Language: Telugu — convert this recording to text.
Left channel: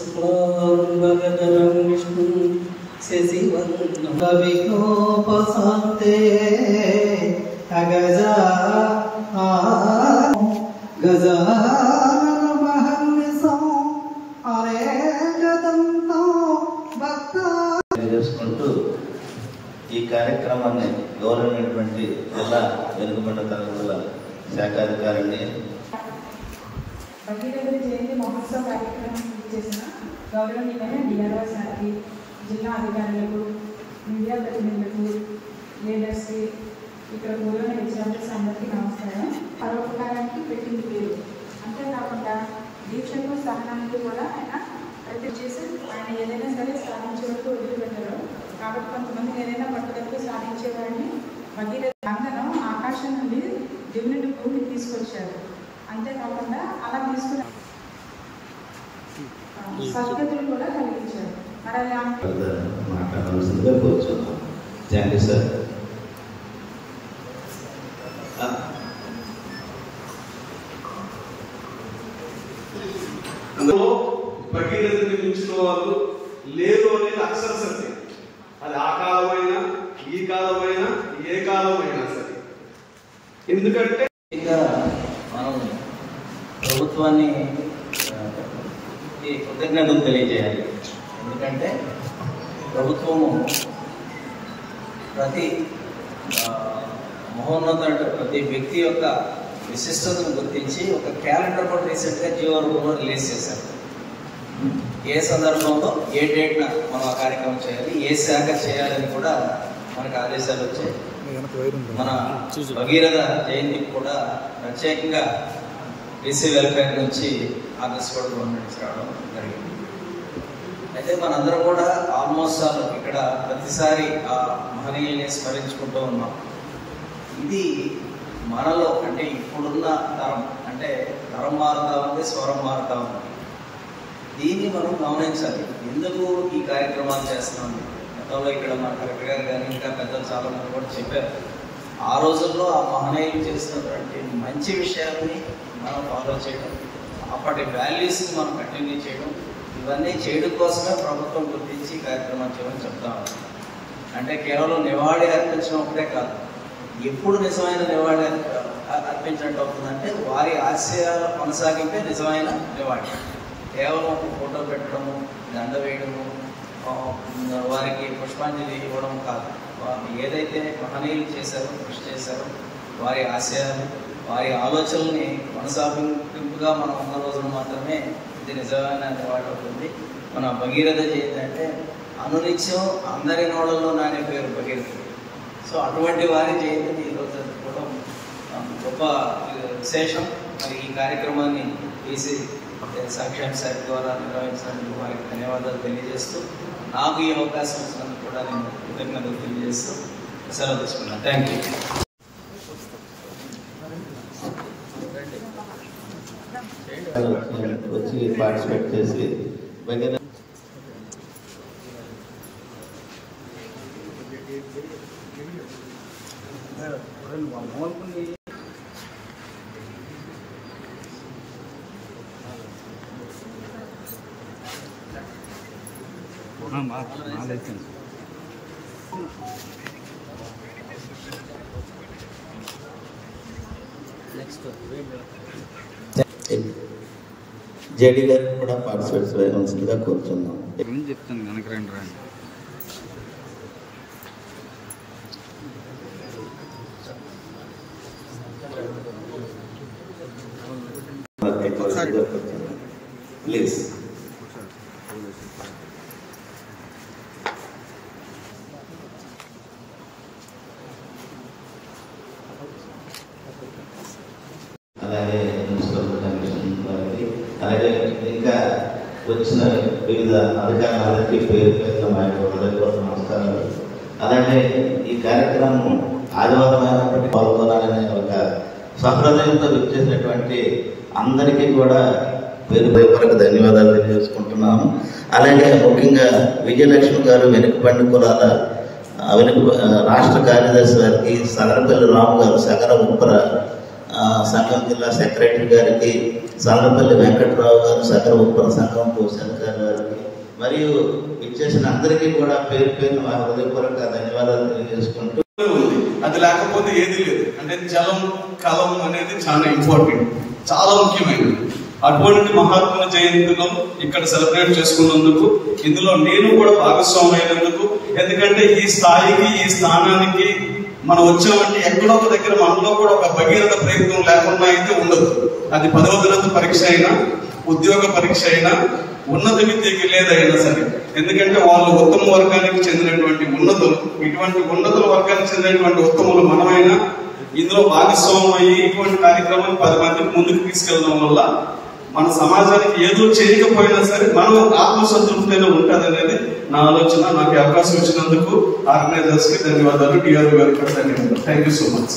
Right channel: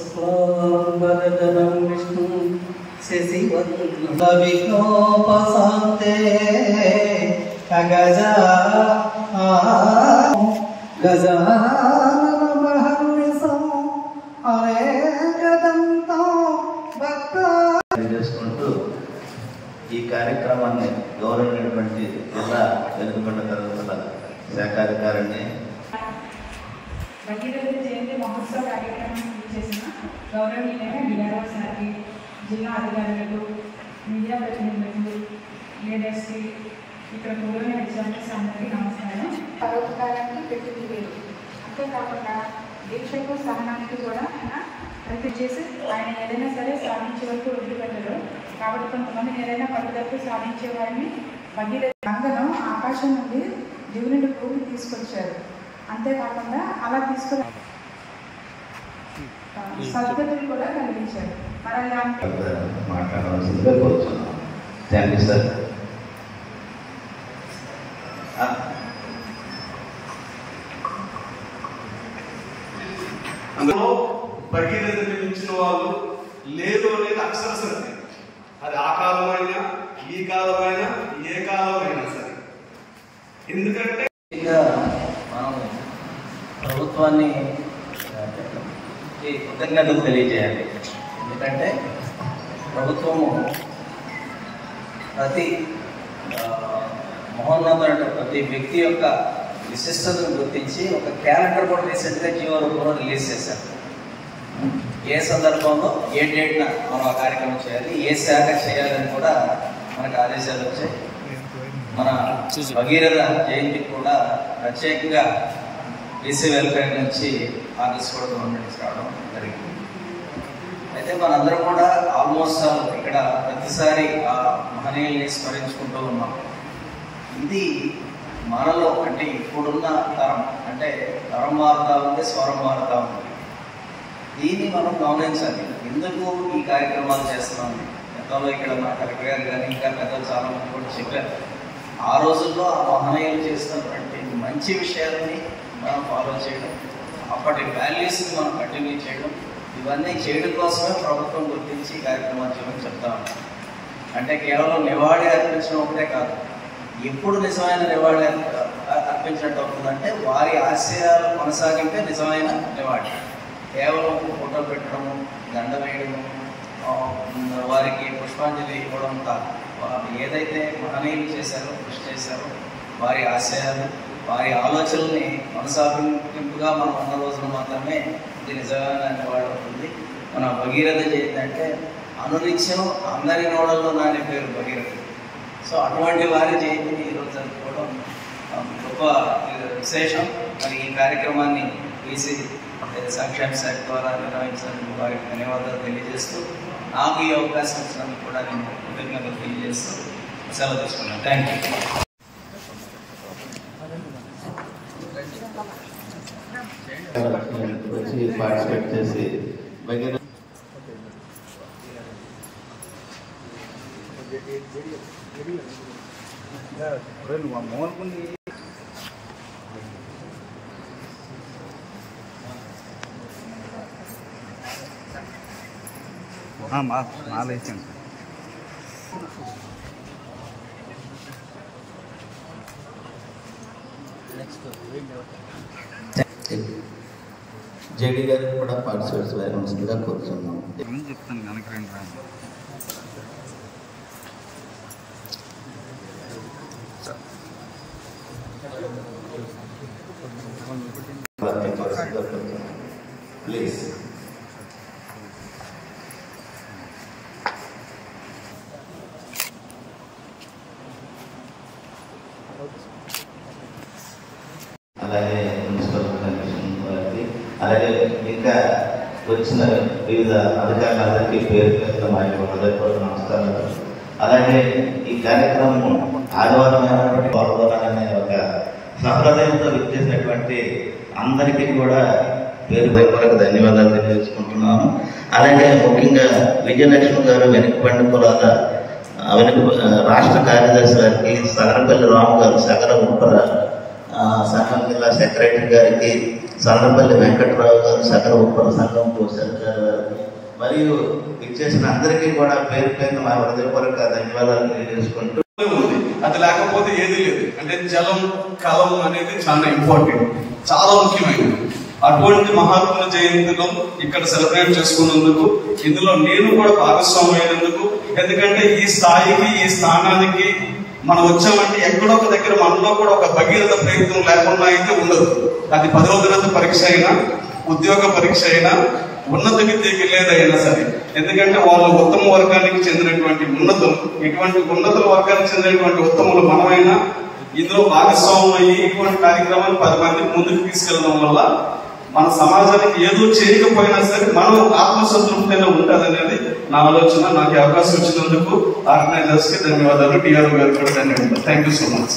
शुक्लांबरधरं विष्णु शशिवर्णं विघ्नोपशान्ते गजा गजाननमहर्निशं अनेकदन्तं చేసుకుంటూ ఈ కార్యక్రమాన్ని గౌరవమైనటువంటి జిల్లా వెనుకబడ్డ తరగతుల శాఖాధికారిని భగీరథ జయంతి మహోత్సవ కార్యక్రమం చేసిన గౌరవనీయులైన డిఆర్ఓ సార్కి, జిల్లా అధికారులకు, మీడియా ప్రతినిధులకు, లీడర్స్కి, ఇక్కడ కూడిన విద్యార్థులు అందరికీ నమస్కారం. పరోపకారానికి పెట్టింది లేదు. అంతేకాకుండా దీక్షకు సహనానికి కూడా ఆయన ప్రతి చేసి ఆయన ఏదైనా సరే సాధించే వరకు వదిలిపెట్టరు. కాబట్టి కొంతమంది ఏదైనా పట్టుదలకు సాధించే వారిని భగీరథ అందరం ఆకాశం నుండి దేవుని భూమి తీసుకొచ్చారు. అంతేకాకుండా అలా తీసుకుని సంస్కృతిని కూడా కలిగించారు. మరి మాట్లాడాల్సిందిగా కోరుతున్నాను. Thank you sir. అందులో భగీరథుని మించిన వాళ్ళు లేదు అనేది అక్షర సత్యం. అది ఆ కాలమైనా ఈ కాలమైనా ఏ కాలమైనా సరే. ఎందుకంటే మనం ప్రభుత్వాన్ని కృతజ్ఞతలు తెలియజేయాలి. ఎందుకంటే ప్రభుత్వము ప్రతి మహోన్నతుడు ప్రతి వ్యక్తి యొక్క విశిష్టతను గుర్తించి ఒక క్యాలెండర్ కూడా రీసెంట్గా జీవో రూపంలో రిలీజ్ చేశారు. ఏ సందర్భంలో ఏ డేట్న మనం ఆ కార్యక్రమం చేయాలి, ఏ శాఖ చేయాలని కూడా మనకు ఆదేశాలు వచ్చాయి. మన భగీరథ జయంతికి కూడా ప్రత్యేకంగా బీసీ వెల్ఫేర్ నుంచి ఆగస్టు కూడా గవర్నమెంట్ రావడం జరిగింది. అయితే మనందరం కూడా ఆల్మోస్ట్ ఇక్కడ ప్రతిసారి ఆ మహనీయుల్ని స్మరించుకుంటూ ఉన్నాం. ఇది మనలో అంటే ఇప్పుడున్న తరం అంటే తరం మారుతా ఉంది, స్వరం మారుతా ఉంది. దీన్ని మనం గమనించాలి. ఎందుకు ఈ కార్యక్రమాలు చేస్తున్నాం? గతంలో ఇక్కడ మా కలెక్టర్ గారు కానీ ఇంకా పెద్దలు చాలా మంది కూడా చెప్పారు. ఆ రోజుల్లో ఆ మహనీయులు చేస్తున్నటువంటి మంచి విషయాలని మనం ఫాలో చేయడం, అప్పటి వాల్యూస్ని మనం కంటిన్యూ చేయడం, ఇవన్నీ చేయడం కోసమే ప్రభుత్వం గుర్తించి కార్యక్రమాలు చేయమని చెప్తా ఉన్నాం. అంటే కేవలం నివాళి అర్పించడం ఒకటే కాదు, ఎప్పుడు నిజమైన నివాళి అర్పించినట్టు అవుతుందంటే వారి ఆశయాలు కొనసాగింటే నిజమైన నివాళి. కేవలం ఫోటో పెట్టడము, దండ వేయడము, వారికి పుష్పాంజలి ఇవ్వడం కాదు. ఏదైతే మహనీయులు చేశారో, కృషి చేశారో వారి ఆశయాలు, వారి ఆలోచనల్ని కొనసాగింపుగా మనం ఉన్న రోజులు మాత్రమే ఇది నిజమైన నివాళి అవుతుంది. మన భగీరథ జయంతి అంటే అనునిత్యం అందరి నోడల్లో నాని పేరు భగీరథ. సో అటువంటి వారి జయంతిని ఈరోజు జరుపుకోవడం గొప్ప విశేషం. మరి ఈ కార్యక్రమాన్ని బీసీ సంక్షేమ శాఖ ద్వారా నిర్వహించినందుకు వారికి ధన్యవాదాలు తెలియజేస్తూ, నాకు ఈ అవకాశం ఇచ్చినందుకు కూడా నేను కృతజ్ఞతలు తెలియజేస్తూ సెలవు తీసుకున్నాను. Thank you. వచ్చి పార్టిసిపేట్ చేసి జేడీ గారు కూడా పార్టిసిపేట్ చేయవలసిందిగా కోరుతున్నాం. చెప్తాను కనుక రండి రాండి. ప్లీజ్. అలాగే మున్సిపల్ కమిషన్ వారికి, అలాగే ఇంకా వచ్చిన వివిధ అధికారులందరికీ పేరు పేరున మా యొక్క హృదయపూర్వక నమస్కారాలు. అలాగే ఈ కార్యక్రమం ఆదివారం అయినప్పటికీ పాల్గొనాలనే ఒక సహృదయంతో విచ్చేసినటువంటి అందరికీ కూడా పేరు పేరుకు ధన్యవాదాలు తెలియజేసుకుంటున్నాము. అలాగే ముఖ్యంగా విజయలక్ష్మి గారు వెనుకబండి కులాల రాష్ట్ర కార్యదర్శి గారికి, సగరపల్లి రాము గారు, సగర ఉప్పర సంఘం జిల్లా సెక్రటరీ గారికి, సల్లపల్లి వెంకట్రావు గారు, సకల ఉప్పర సంఘం కోశాధికారి గారికి మరియు విచ్చేసిన అందరికీ కూడా పేరు పేరున మా హృదయపూర్వక ధన్యవాదాలు తెలియజేసుకుంటూ, అది లేకపోతే ఏది లేదు. అంటే జలం కలం అనేది చాలా ఇంపార్టెంట్, చాలా ముఖ్యమైనది. అటువంటి మహాత్ముల జయంతిలో ఇక్కడ సెలబ్రేట్ చేసుకున్నందుకు, ఇందులో నేను కూడా భాగస్వామి అయినందుకు, ఎందుకంటే ఈ స్థాయికి ఈ స్థానానికి మనం వచ్చామంటే ఎక్కడో ఒక దగ్గర మనలో కూడా ఒక భగీరథ ప్రయత్నం లేకుండా అయితే ఉండదు. అది 10వ తరగతి పరీక్ష అయినా, ఉద్యోగ పరీక్ష అయినా, ఉన్నత విద్యకి లేదైనా సరే. ఎందుకంటే వాళ్ళు ఉత్తమ వర్గానికి చెందినటువంటి ఉన్నతులు, ఇటువంటి ఉన్నతుల వర్గానికి చెందినటువంటి ఉత్తములు మనమైనా ఇందులో భాగస్వామ్యం అయ్యి ఇటువంటి కార్యక్రమాలు 10 మందికి ముందుకు తీసుకెళ్లడం వల్ల మన సమాజానికి ఏదో చేయకపోయినా సరే మనం ఆత్మసంతృప్తిలో ఉంటుంది అనేది నా ఆలోచన. నాకు అవకాశం ఇచ్చినందుకు ఆర్గనైజర్స్ కి ధన్యవాదాలు, టీఆర్ఓ గారికి కూడా ధన్యవాదాలు. Thank you so much.